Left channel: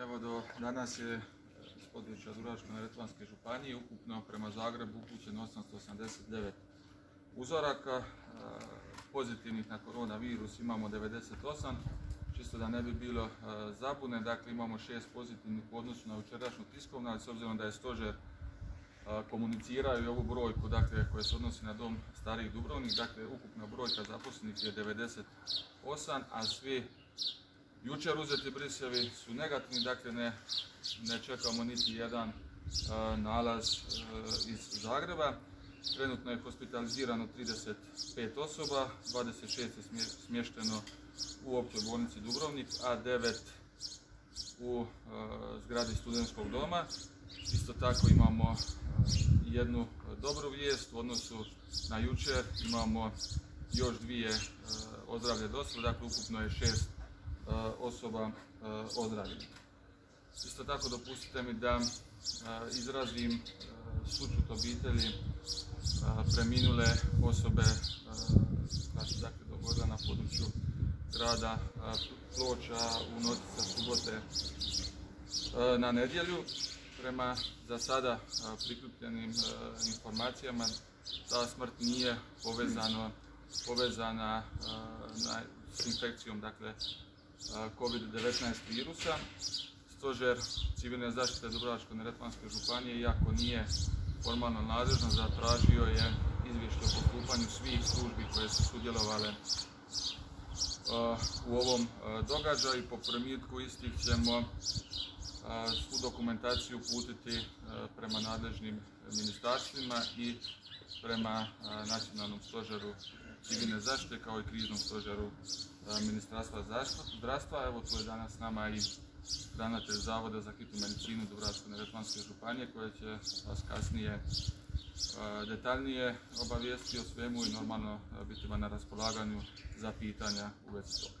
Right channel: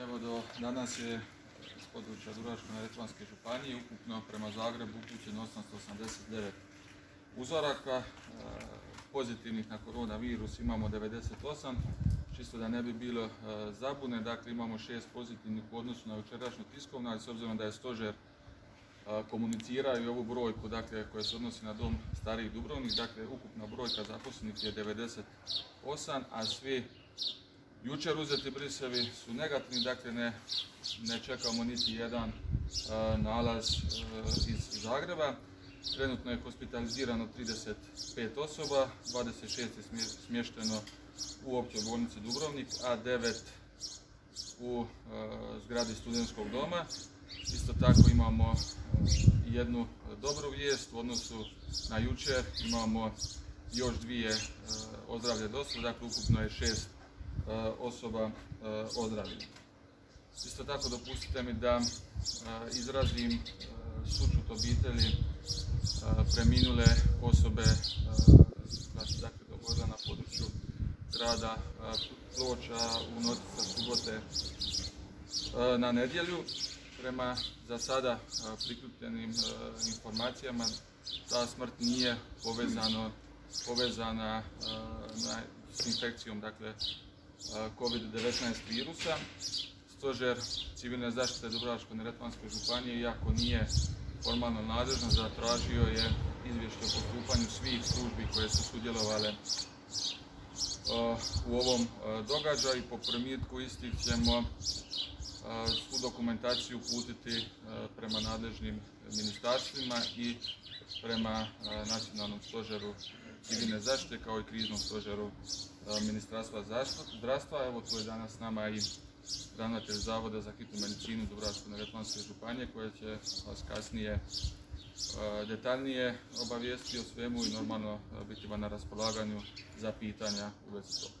Evo, do danas je iz područja Dubrovačko-neretvanske županije ukupno prema Zagrebu upućeno 889 uzoraka. Pozitivnih na koronavirus imamo 98, čisto da ne bi bilo zabune. Dakle, imamo 6 pozitivnih u odnosu na jučerašnju tiskovnu, ali s obzirom da je stožer komunicirao i ovu brojku, dakle, koja se odnosi na dom starijih Dubrovnik, dakle, ukupna brojka zaposlenih je 98, a svi jučer uzeti brisevi su negativni, dakle ne čekamo niti jedan nalaz iz Zagreba. Trenutno je hospitalizirano 35 osoba, 26 je smješteno u općoj bolnici Dubrovnik, a 9 u zgradi studentskog doma. Isto tako imamo jednu dobru vijest u odnosu na jučer, imamo još 2 ozdravlje dosada, dakle ukupno je 6 osoba ozdravljeno. Isto tako dopustite mi da izrazim sućut obitelji preminule osobe koja se dakle dogodila na području grada Ploča u noći sa subote na nedjelju. Prema za sada prikupljenim informacijama ta smrt nije povezana s infekcijom, dakle, COVID-19 virusa. Stožer civilne zaštite Dubrovačko-neretvanske županije, iako nije formalno nadležan, zatražio je izvješće o postupanju svih službi koje su sudjelovale u ovom događaju i po primitku istih ćemo svu dokumentaciju uputiti prema nadležnim ministarstvima i prema Nacionalnom stožeru civilne zaštite kao i kriznom stožeru Ministarstva zdravstva. Evo, tu je danas s nama i ravnatelj Zavoda za hitnu medicinu Dubrovačko-neretvanske županije koja će vas kasnije detaljnije obavijestiti o svemu i normalno biti vam na raspolaganju za pitanja u vezi toga.